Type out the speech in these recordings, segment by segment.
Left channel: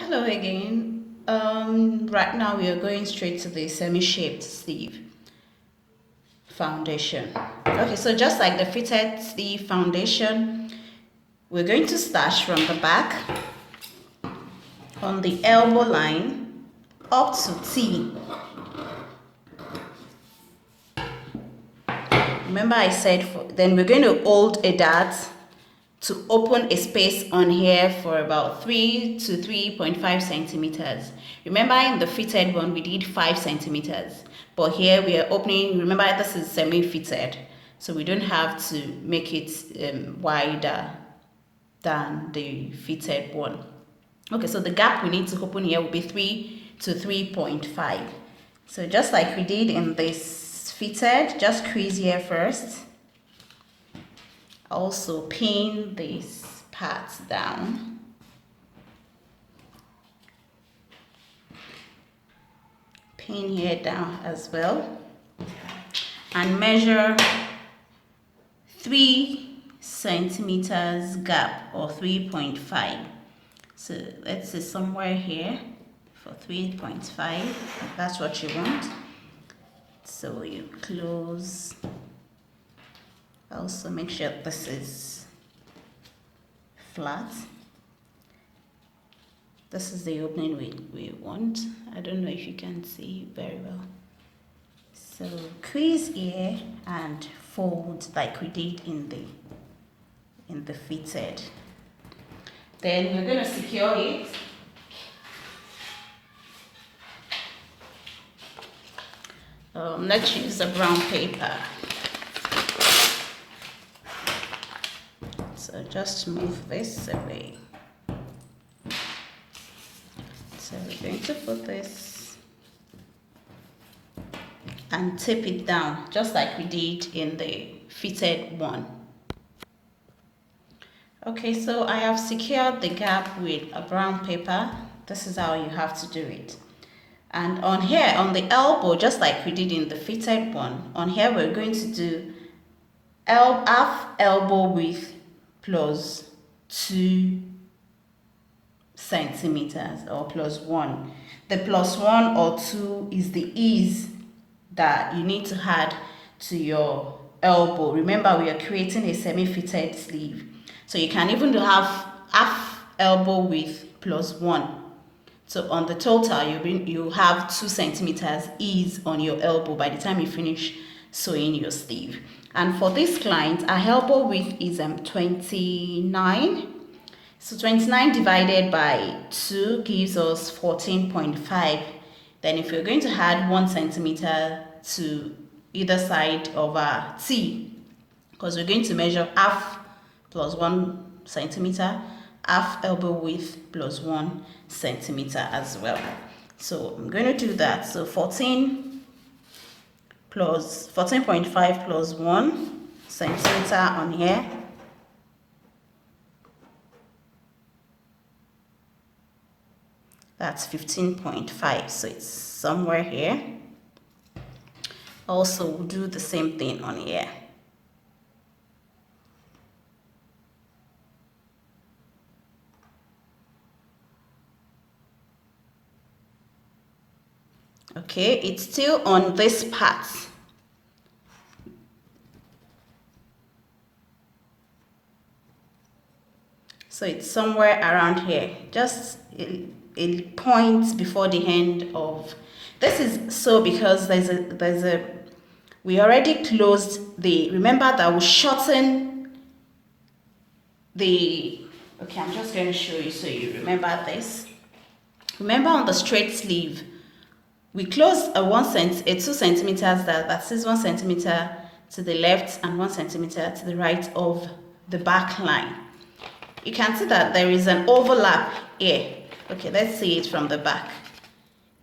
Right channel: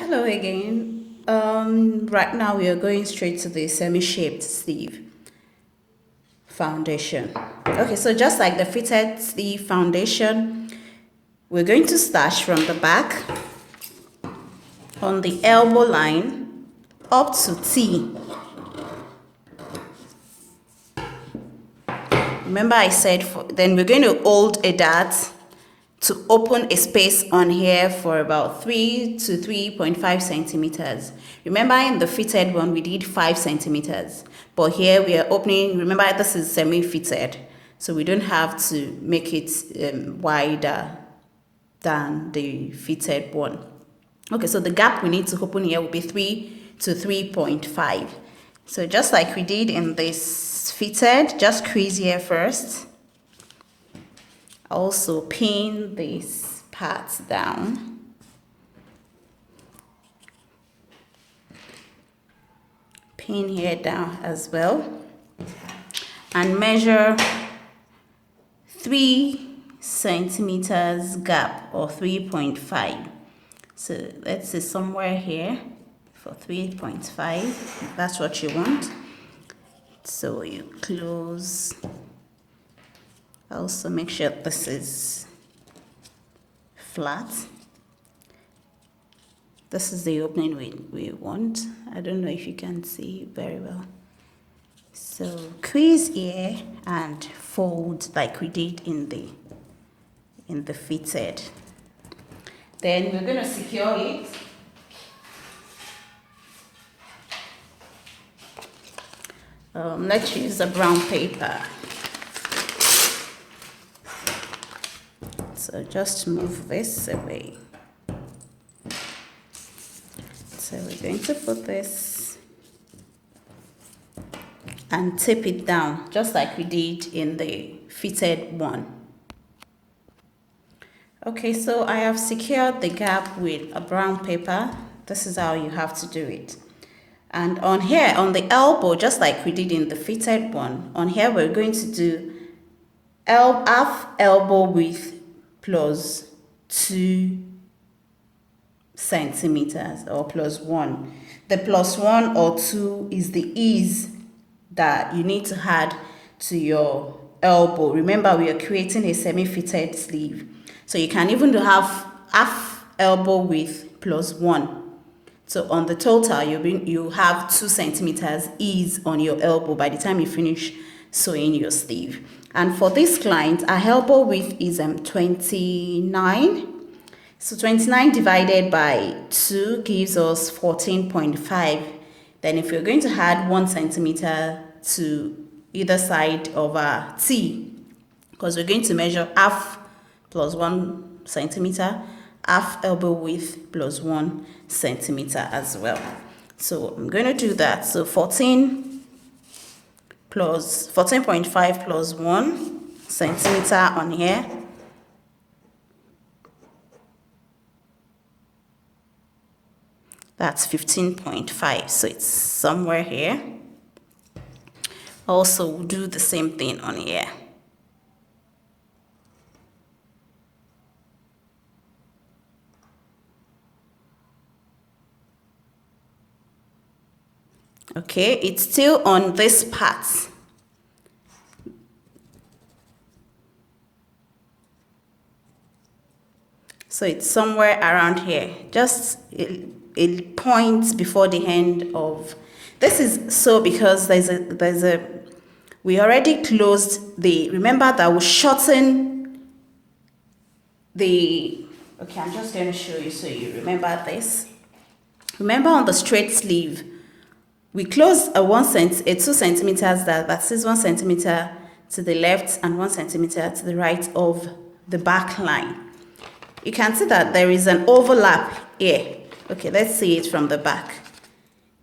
Hello again. Right now we are going straight to the semi-shaped sleeve foundation. Okay, so just like the fitted sleeve foundation, we're going to start from the back on the elbow line up to T. Remember I said then we're going to hold a dart to open a space on here for about 3 to 3.5 centimeters. Remember in the fitted one we did 5 centimeters, but here we are opening. Remember this is semi-fitted, so we don't have to make it wider than the fitted one. Okay, so the gap we need to open here will be 3 to 3.5. So just like we did in this fitted, just crease here first. Also pin this part down. Pin here down as well. And measure 3 centimeters gap, or 3.5. So let's say somewhere here for 3.5. That's what you want. So you close. Also make sure this is flat. This is the opening we want. I don't know if you can see very well. So crease here and fold like we did in the fitted. Then we're going to secure it. Let's use a brown paper. So just move this away. So we're going to put this and tape it down just like we did in the fitted one. Okay, so I have secured the gap with a brown paper. This is how you have to do it. And on here, on the elbow, just like we did in the fitted one, on here we're going to do half elbow width plus 2 centimeters, or plus 1. The plus 1 or 2 is the ease that you need to add to your elbow. Remember, we are creating a semi-fitted sleeve, so you can even half elbow width plus 1. So on the total, you have 2 centimeters ease on your elbow by the time you finish sewing your sleeve. And for this client, our elbow width is 29. So 29 divided by 2 gives us 14.5. Then if you're going to add 1 centimeter to either side of our T, because we're going to measure half plus 1 centimeter, half elbow width plus 1 centimeter as well. So I'm going to do that. So 14.5 plus 1 centimeter on here. That's 15.5. So it's somewhere here. Also, we'll do the same thing on here. Okay, it's still on this part. So it's somewhere around here, just a point before the end of this. Is so because we already closed the, remember that we shorten the, okay, I'm just going to show you so you remember this. Remember on the straight sleeve, we closed a 2 centimeters that is 1 centimeter to the left and 1 centimeter to the right of the back line. You can see that there is an overlap here. Okay, let's see it from the back.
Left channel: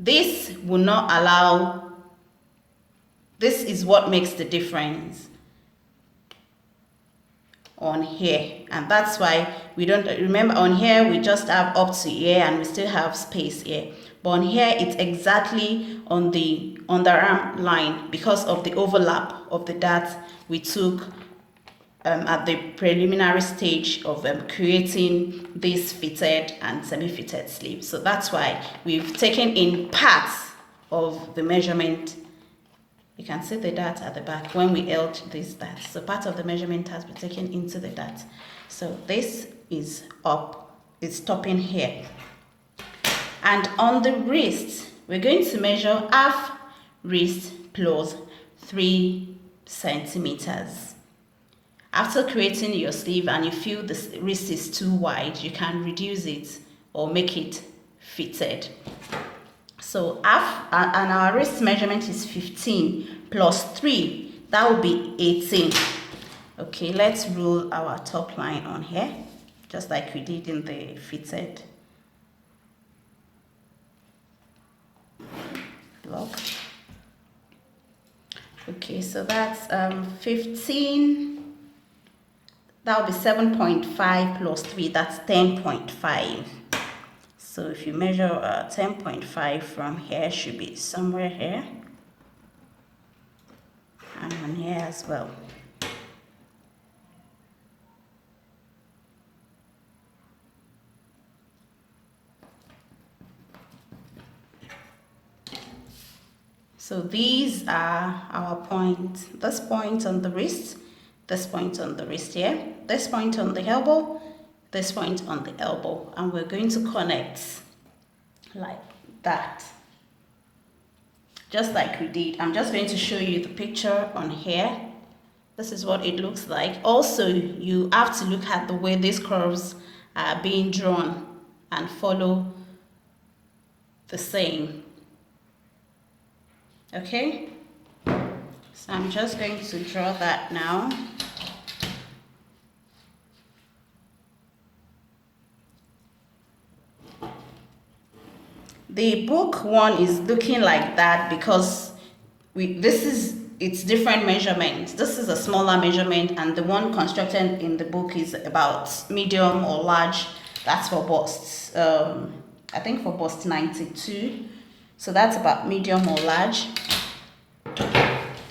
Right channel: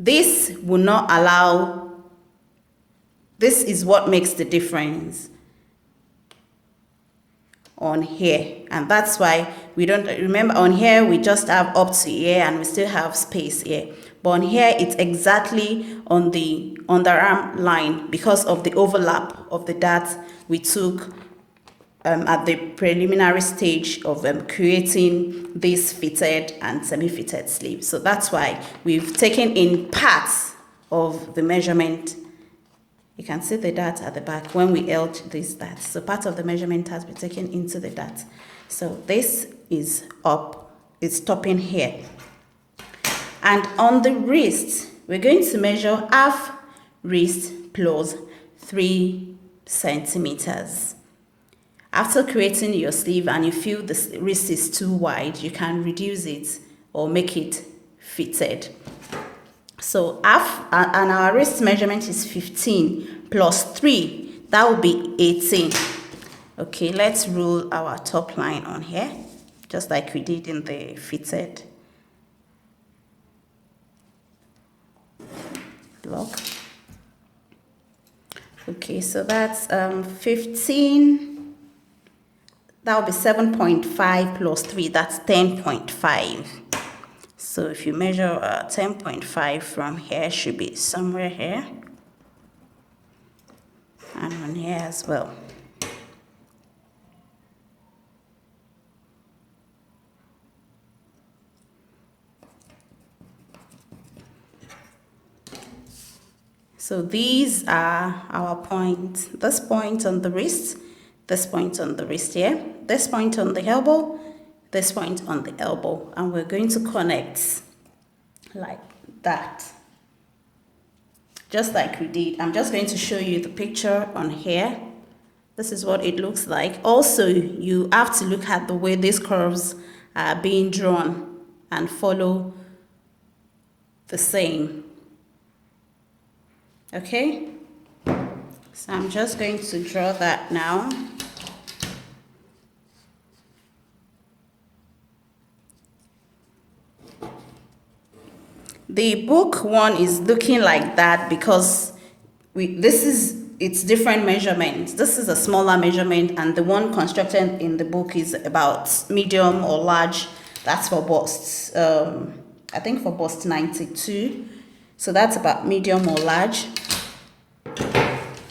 This will not allow, this is what makes the difference on here, and that's why we don't, remember on here we just have up to here and we still have space here, but on here it's exactly on the underarm line because of the overlap of the dart we took at the preliminary stage of creating this fitted and semi-fitted sleeve. So that's why we've taken in parts of the measurement. You can see the dart at the back when we held this dart. So part of the measurement has been taken into the dart. So this is up, it's stopping here. And on the wrist, we're going to measure half wrist plus 3 centimeters. After creating your sleeve and you feel the wrist is too wide, you can reduce it or make it fitted. So half, and our wrist measurement is 15 plus 3, that will be 18. Okay, let's rule our top line on here, just like we did in the fitted block. Okay, so that's 15. That will be 7.5 plus 3, that's 10.5. So if you measure 10.5 from here, should be somewhere here. And on here as well. So these are our points. This point on the wrist, this point on the wrist here, this point on the elbow, this point on the elbow, and we're going to connect like that, just like we did. I'm just going to show you the picture on here. This is what it looks like. Also, you have to look at the way these curves are being drawn and follow the same. Okay, so I'm just going to draw that now. The book one is looking like that because it's different measurements. This is a smaller measurement, and the one constructed in the book is about medium or large. That's for bust, I think for bust 92. So that's about medium or large.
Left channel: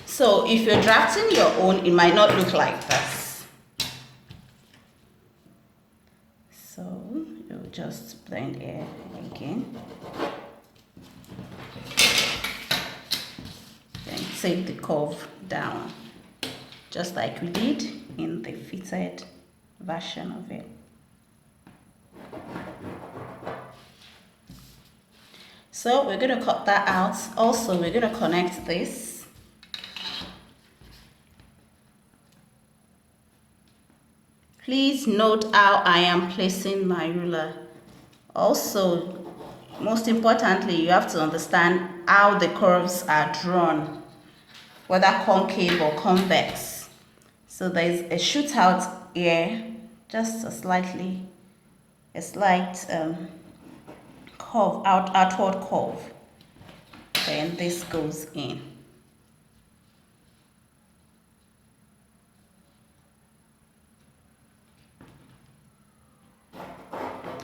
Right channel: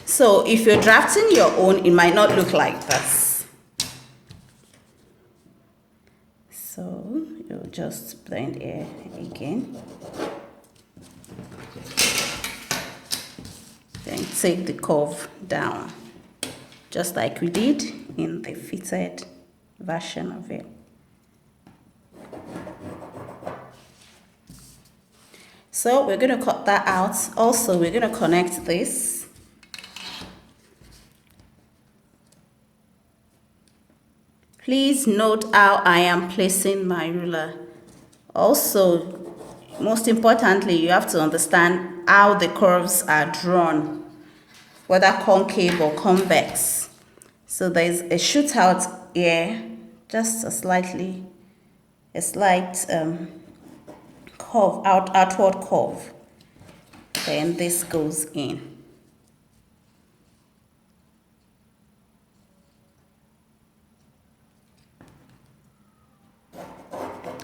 So if you're drafting your own, it might not look like this. So you'll just blend it again. Then take the curve down, just like we did in the fitted version of it. So we're going to cut that out. Also, we're going to connect this. Please note how I am placing my ruler. Also, most importantly, you have to understand how the curves are drawn, whether concave or convex. So there's a shootout here, just a slight curve, outward curve. Then this goes in.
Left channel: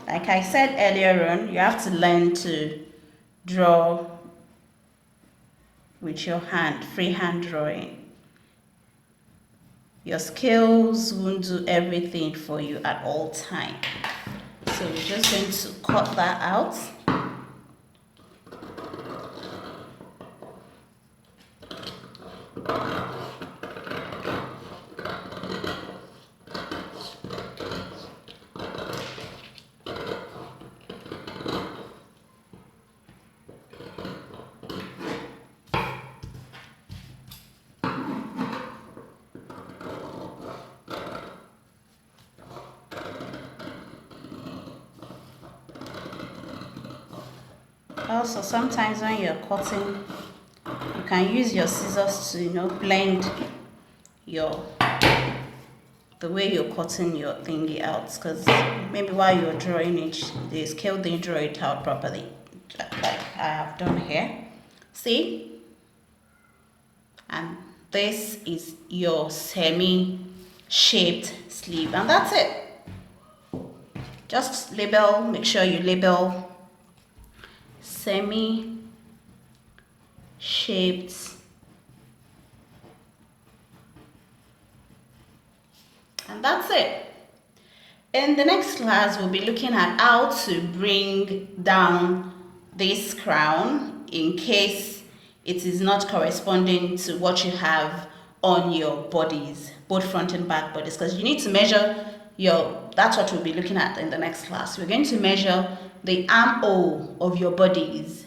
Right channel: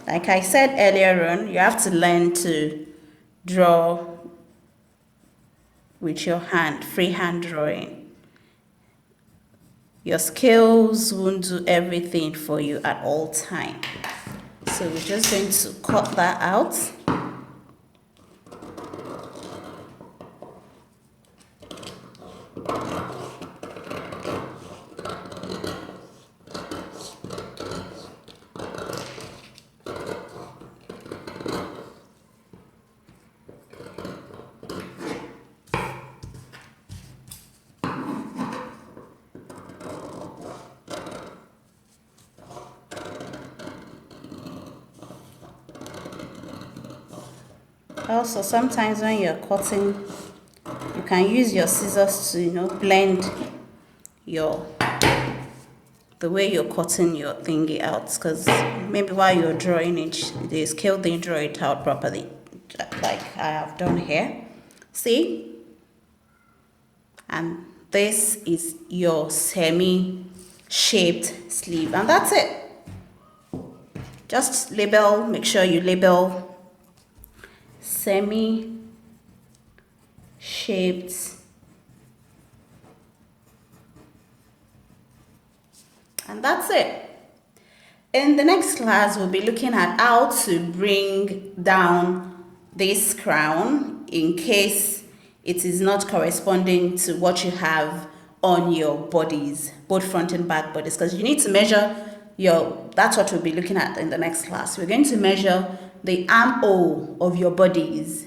Like I said earlier on, you have to learn to draw with your hand, freehand drawing. Your skills won't do everything for you at all times. So we're just going to cut that out. Also, sometimes when you're cutting, you can use your scissors to, blend the way you're cutting your thingy out, because maybe while you're drawing it, the scale didn't draw it out properly, like I have done here. See? And this is your semi-shaped sleeve, and that's it. Just label, make sure you label semi-shaped And that's it. In the next class, we'll be looking at how to bring down this crown in case it is not corresponding to what you have on your bodies, both front and back bodies, because you need to measure that's what we'll be looking at in the next class. We're going to measure the armhole of your bodies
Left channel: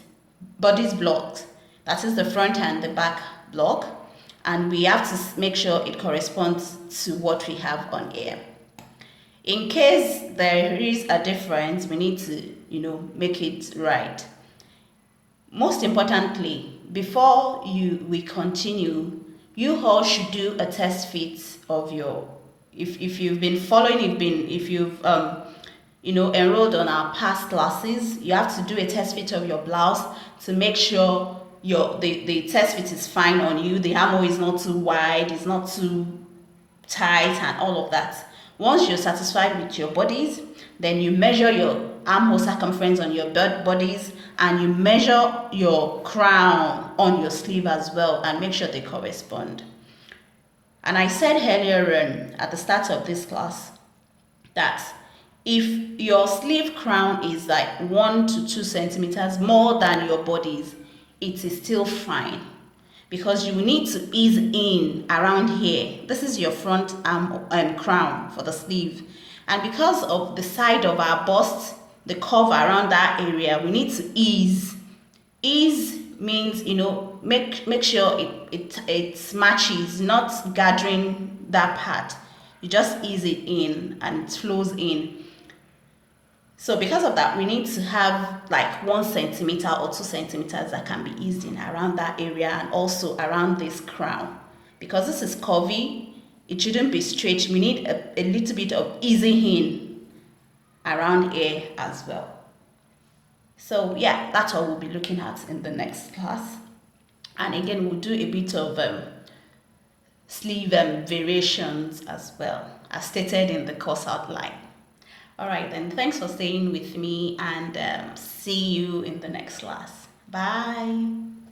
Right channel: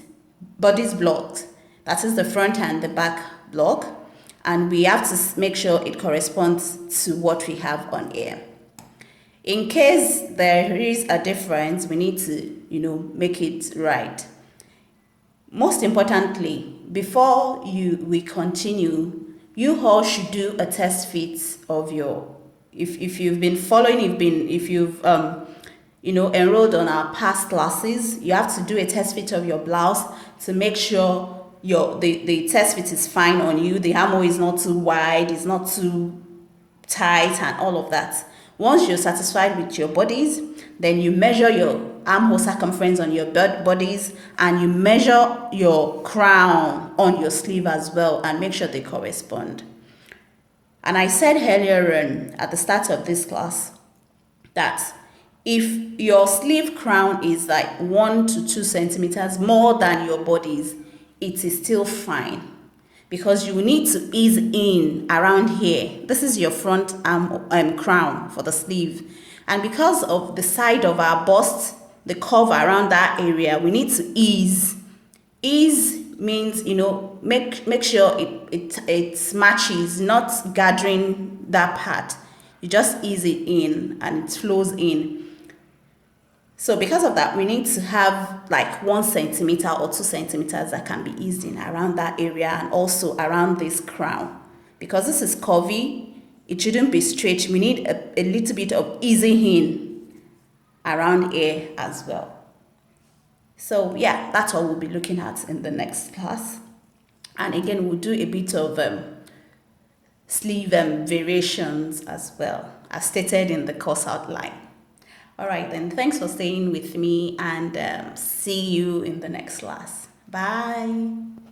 blocked. That is the front and the back block. And we have to make sure it corresponds to what we have on here. In case there is a difference, we need to, make it right. Most importantly, before we continue, you all should do a test fit of if you've been following, if you've enrolled on our past classes, you have to do a test fit of your blouse to make sure the test fit is fine on you. The armhole is not too wide, it's not too tight, and all of that. Once you're satisfied with your bodies, then you measure your armhole circumference on your bodies, and you measure your crown on your sleeve as well, and make sure they correspond. And I said earlier at the start of this class that if your sleeve crown is like 1 to 2 centimeters more than your body's, it is still fine, because you need to ease in around here. This is your front arm and crown for the sleeve, and because of the side of our bust, the curve around that area, we need to ease. Ease means make sure it matches, not gathering that part. You just ease it in and it flows in. So because of that, we need to have like 1 centimeter or 2 centimeters that can be eased in around that area, and also around this crown. Because this is curvy, it shouldn't be straight. We need a little bit of easing in around here as well. So yeah, that's what we'll be looking at in the next class. And again, we'll do a bit of sleeve variations as well, as stated in the course outline. All right, then, thanks for staying with me, and see you in the next class. Bye.